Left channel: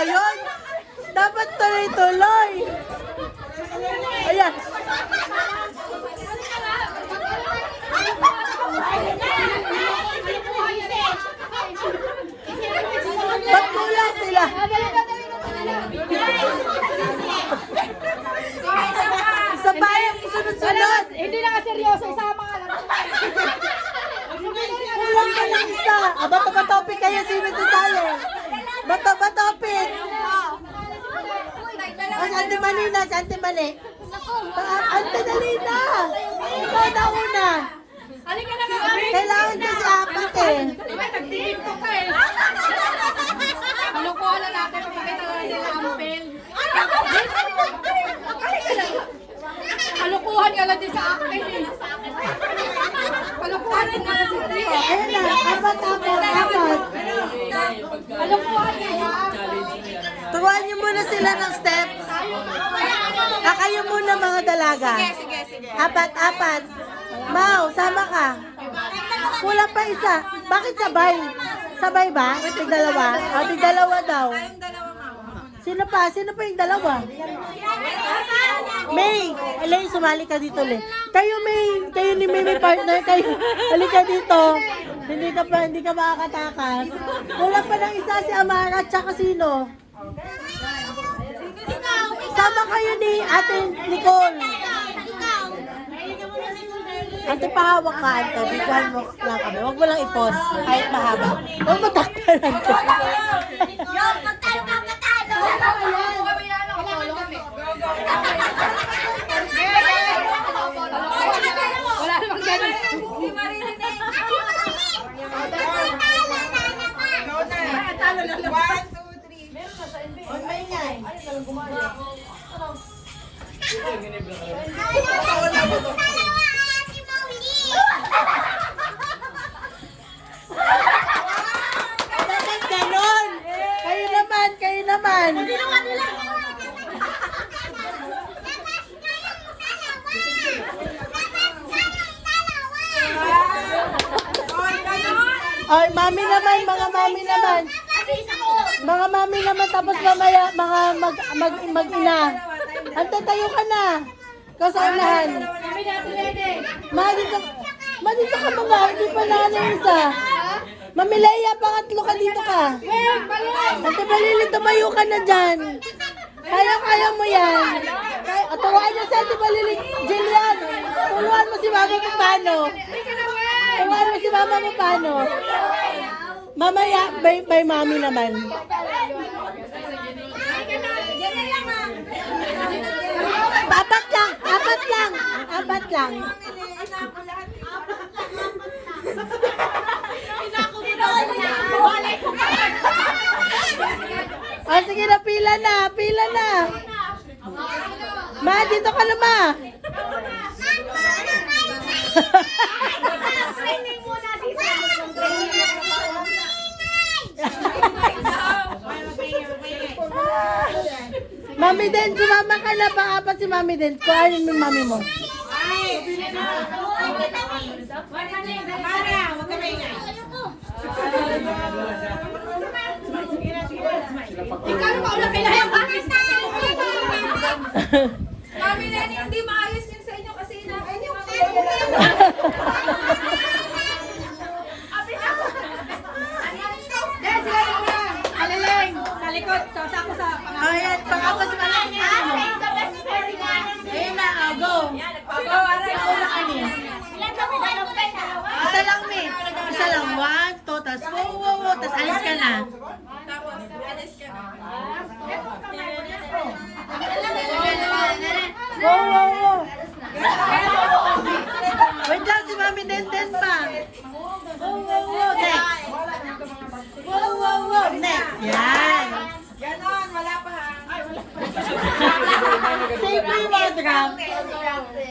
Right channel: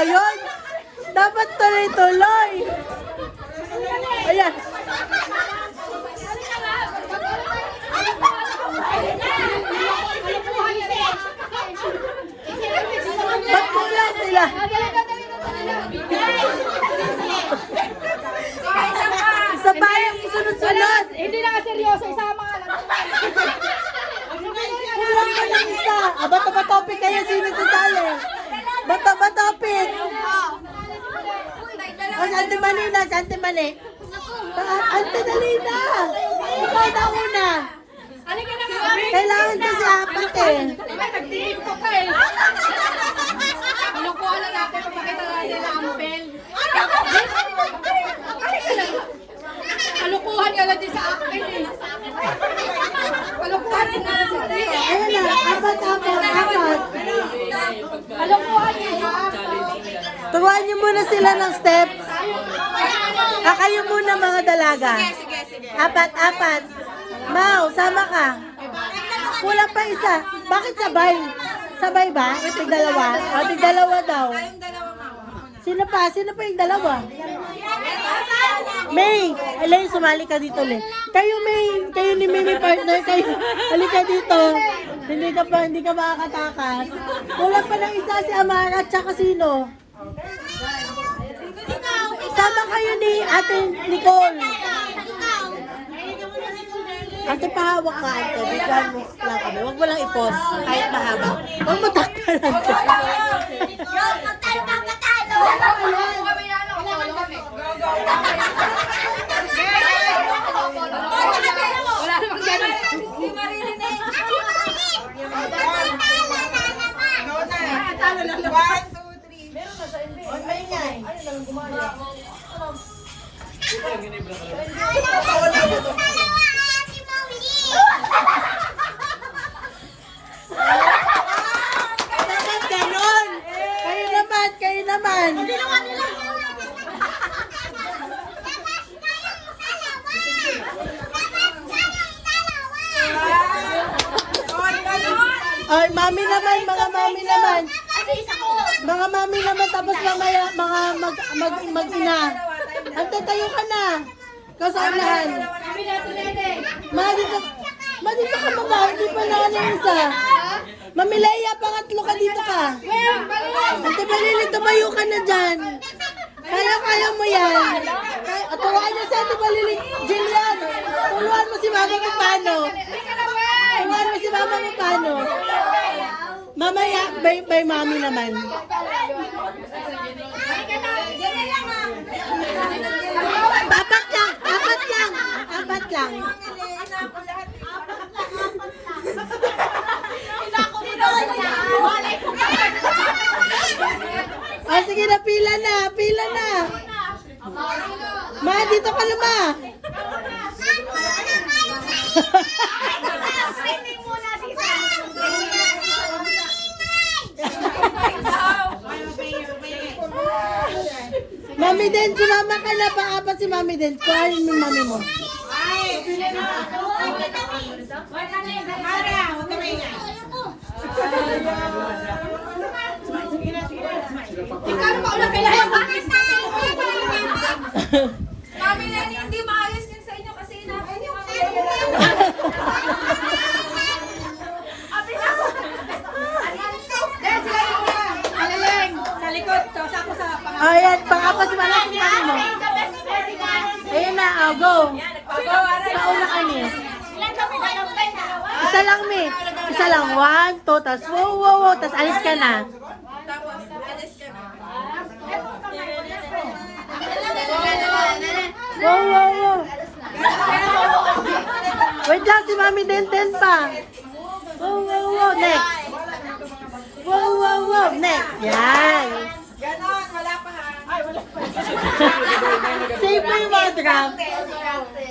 ngayon. Dapat tuloy-tuloy. Ayan. Ba't kulang sila? Isa pa sunod-sunod. Hindi na seryoso. Isama ka lang. Kulang ka lang isa. Aba, kapatopic kayo. Sino sa talo? Bato ba topic? O, si Ante Malina, si Ante Mali. Ah, Ante Dalina! Ikaw na una. Kailangan ko si Apat eh. Nagtingin ko ka eh. Kalukuhan na natin papakita natin na ampel. Kalukuhan ka lang din sa akin eh. Kalukuhan din na lang din eh. Ayan na, apat, apat, apat. Kalukuhan din ha. Turuan niyo muna sila ng steps. Ah, kayo muna mga dalaga. Apat, apat. Mau, sama ka. Kulang pa isa. Bakit sabay? Sabay ba? Ito dalawa? Ah, ito dalawa daw. Sino pa? Sino pa yung dalawa? May! Alay, sumali ka dito ulit. Kayo May, kayo ni May, may partner kayo. Halika dito. Hindi ka pa, hindi ka makakatakas. Kulang pa ng isa si Amara at saka sino? Sama kayo ni Ate Nicole. Ate, pahawak ka, Ate. Bigyan mo lang kami. Huwag mo lang i-pause. Kahit mahaba. Huwag mo takpalan ka. Wala mga mag, mag, mag-ina. Antay tayo ka na. Kasanahan. Ma, dito, ma, dito ka ba? Hindi pa na ano yung isa. Mami Leia, pangatlo ka dito ka. Ante Balili, tumayo ka na dyan. Kaya, kaya mo yan. Kaya, turuan niyo si Ate Balili. Jillian, turuan mo si Mama mo paano. Turuan mo si Mama mo paano. Mamaya, by, by mami naman. Apat lang, apat lang, apat lang. Ah, sige na, pila na, pila na. Ma, dito ka na, ma. Mami din, sumama ka na, pang-apat si Mami din. Kuhanin mo yung Mami mo. Ikaw na mauna kailangan Mami Lenny, hindi maayos likod. Tapos ako sa. Ayan, pang-apat si Mami si Mami mo. Ayun na, ah, go. Isa lang, Mi. Isa lang. One, two, tas wow, wow, wow. Tas alis ka na. Wait lang, si Mami Denten pa. Wow, wow, wow. Next. Wow, wow, wow. Next. Yan. Si Mami Grab.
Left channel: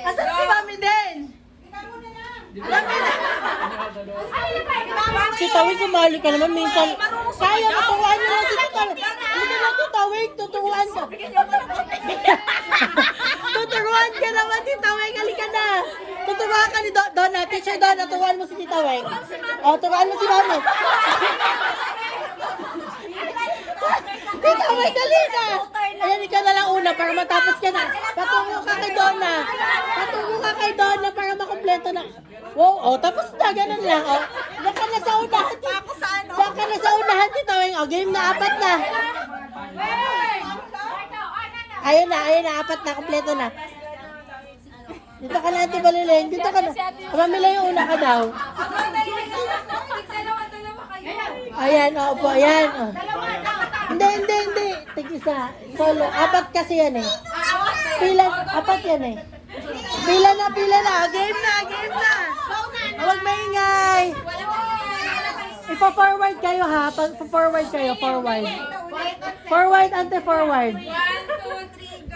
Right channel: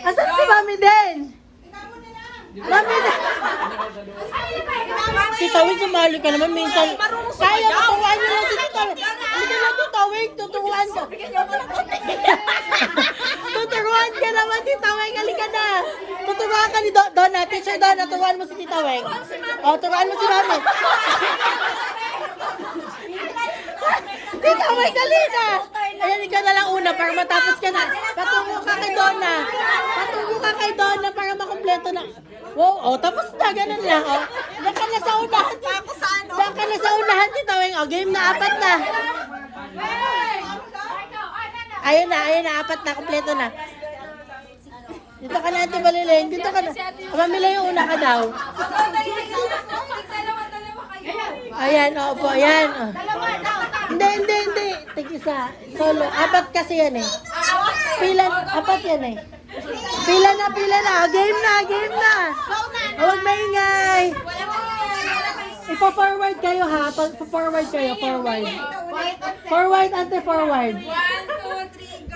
Asan si Mami Den? Mami Den. Tita, wait, sumali ka naman. Minsan. Kaya ko, kaya ko. Tita, wait, tuturuan ko. Tuturuan ka naman, Tita Weng. Halika na. Tuturuan ka ni Don. Don, natin siya. Don, tuturuan mo si Tita Weng. Oh, turuan mo si Mami. Tita Weng, halika. Ayun, ikaw na lang una para matapos ka na. Katuto ka kay Donna. Dito ka na. Yung una ka daw. Dalawa-dalawa kayo. Ayan, opo, ayan. Hindi, hindi, hindi. Tig isa. Solo. Apat kasi yan eh. Pila, apat yan eh. Pila na, pila na. Game na, game na. Huwag maingay. Ipa-forward kayo ha. Ipa-forward kayo, forward. Forward, ante-forward. One, two, three,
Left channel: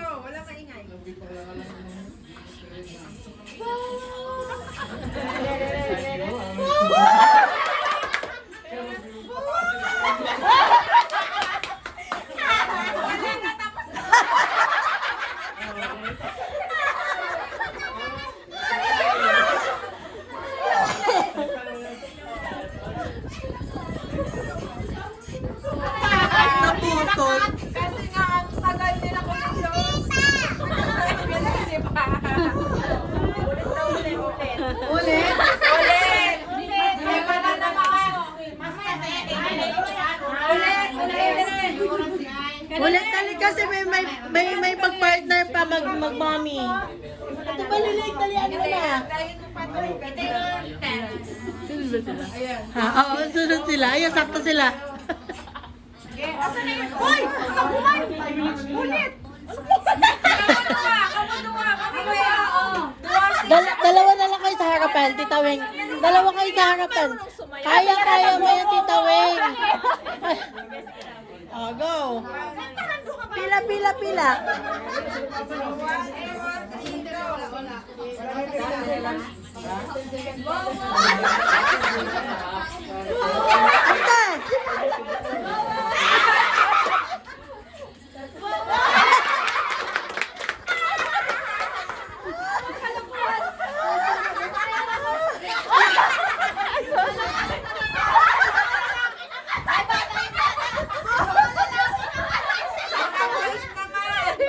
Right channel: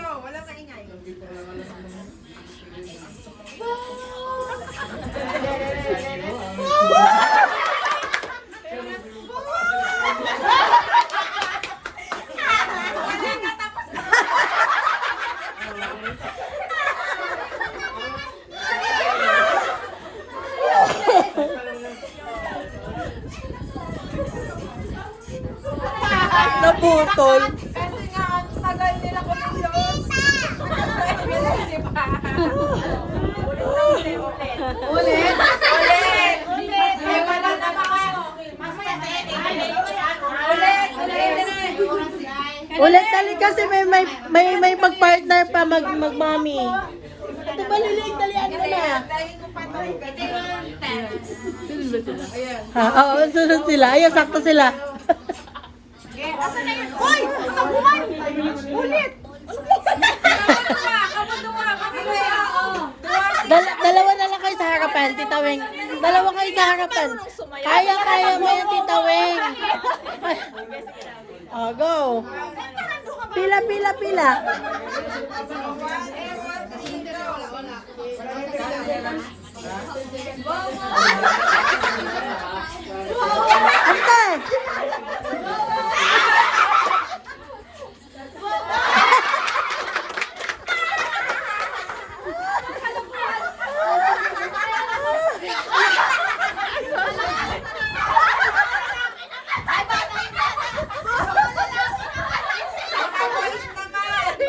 Naputol. Kasi nga, ang tagal nila kumilos. Kasi pa. Ulit. Ay, wala na ba ako? Ulit, ulit. Ulit dali kasi may may may may pag-partner pa mag mag-mommy. Dahil ko pa ito. Pwede nga. Ha, oo, sunod sila. Ayun, sakto sila. Asan na yun? Uy! Nakabuman! Ulit! Dalawa na lang kayo sa harapan, Tita Weng. Dalawa kayo sa harapan. Ayaw, mo yung Tita Weng. Oh, go. Pila, pila, pila. Ante!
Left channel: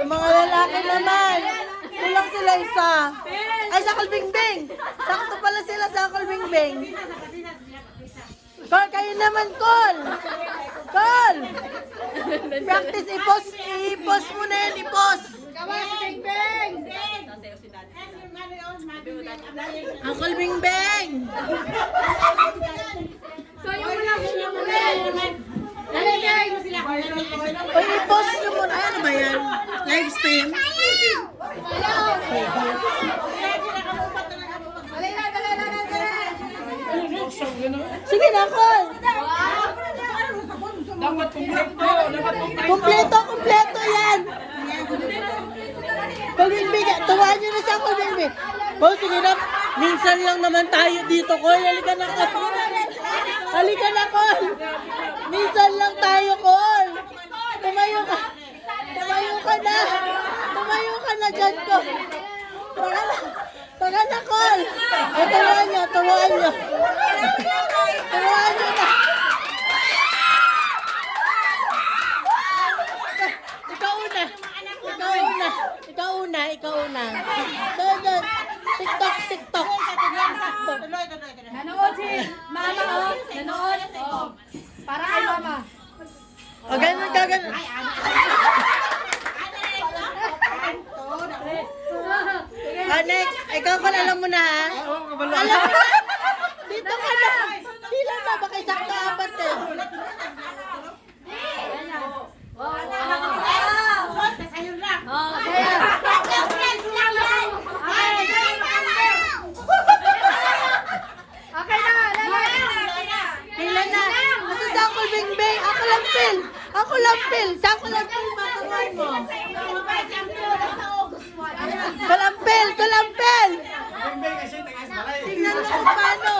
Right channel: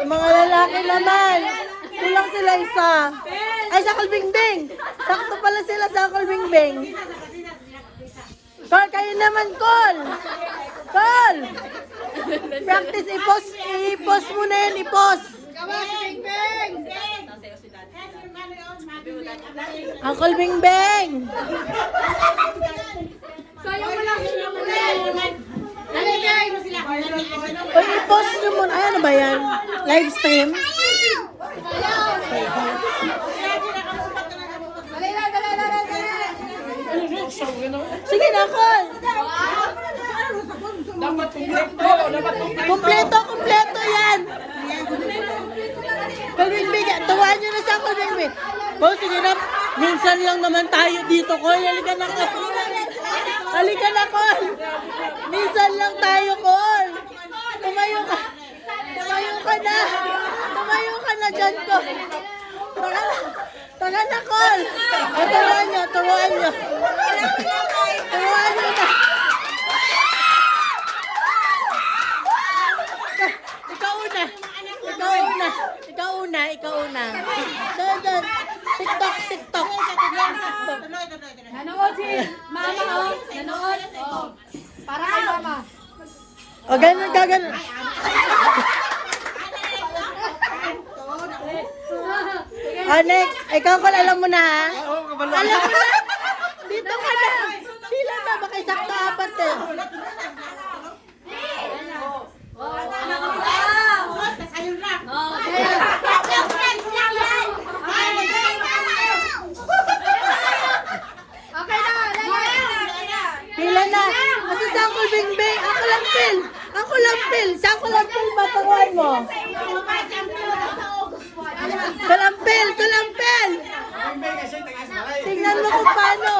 Mga lalaki naman. Isa. Ay, sa Kalbingbing. Sakto pala sila sa Kalbingbing. Col, kayo naman, Col. Col. Practice, i-post, i-post mo na yan, i-post. Uncle Bing Beng! Sayang wala sila Uy, i-post nyo muna. Ay, ano ba yan? Live stream? Sige yan! Nyo na siya kung bibig. Oh, sige na. Minsan lang naman tayo dito, Col. Halika na, Col. Halika na, Col. Minsan lang tayo, Col. Tumayo ka. Tumayo ka na. Tumayo ka na dyan, Col. Taga na, Col. Tumahan niyo, tumahan niyo. Tumahan niyo. Ikaw una. Ikaw una. Ikaw una. Ikaw una. So, so, TikTok, TikTok. Nanood si Mama, oh. Nanood. Oh. Para kay Mama. O, ganun, ganun. Ah, next. Ikaw kung alam mo na, ha? Oo, kabaluan. Dito ka na. Pila na, makisang dapat to. Okay na, Pila na. Kasi sa ako bingbing. Ako lang pil. Ako lang pil. Sa ako lang pil, paparuan mo. Kalampil, kalampil. Tingnan mo kung paano.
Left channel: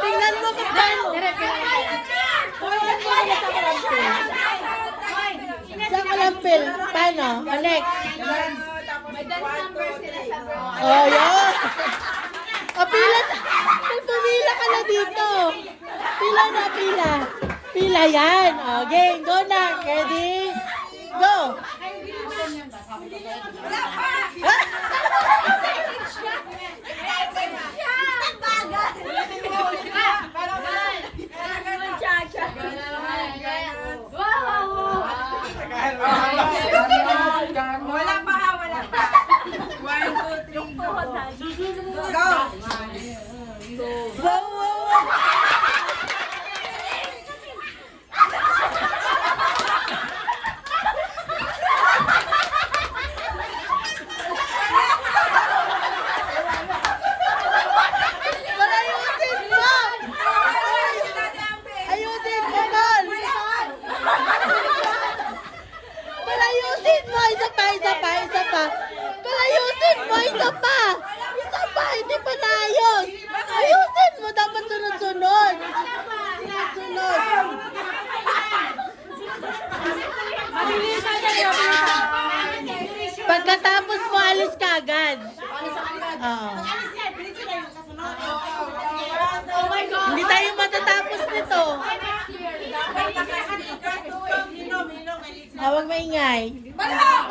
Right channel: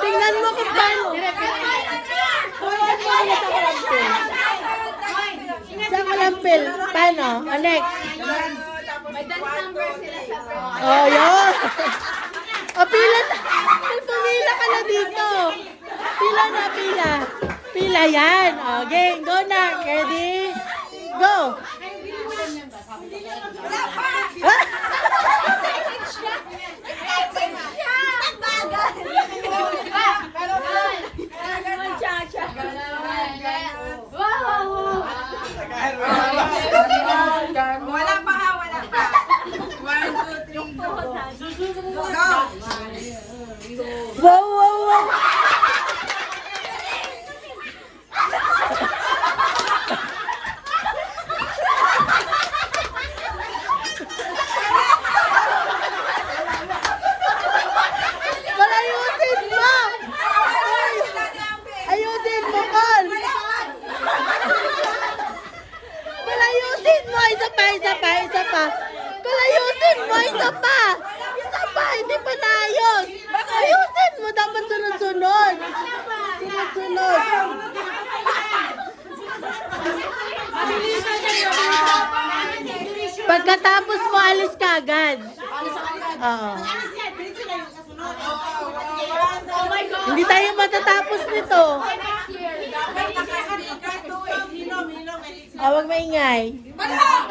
Tingnan mo kung paano. Kalampil, paano? Connect. Ayun. O, Walang paha, walang paha. One, two, three, four. Susunod mo muna. Go! Hindi tayo matatapos nito. Tawag maingay. Balak!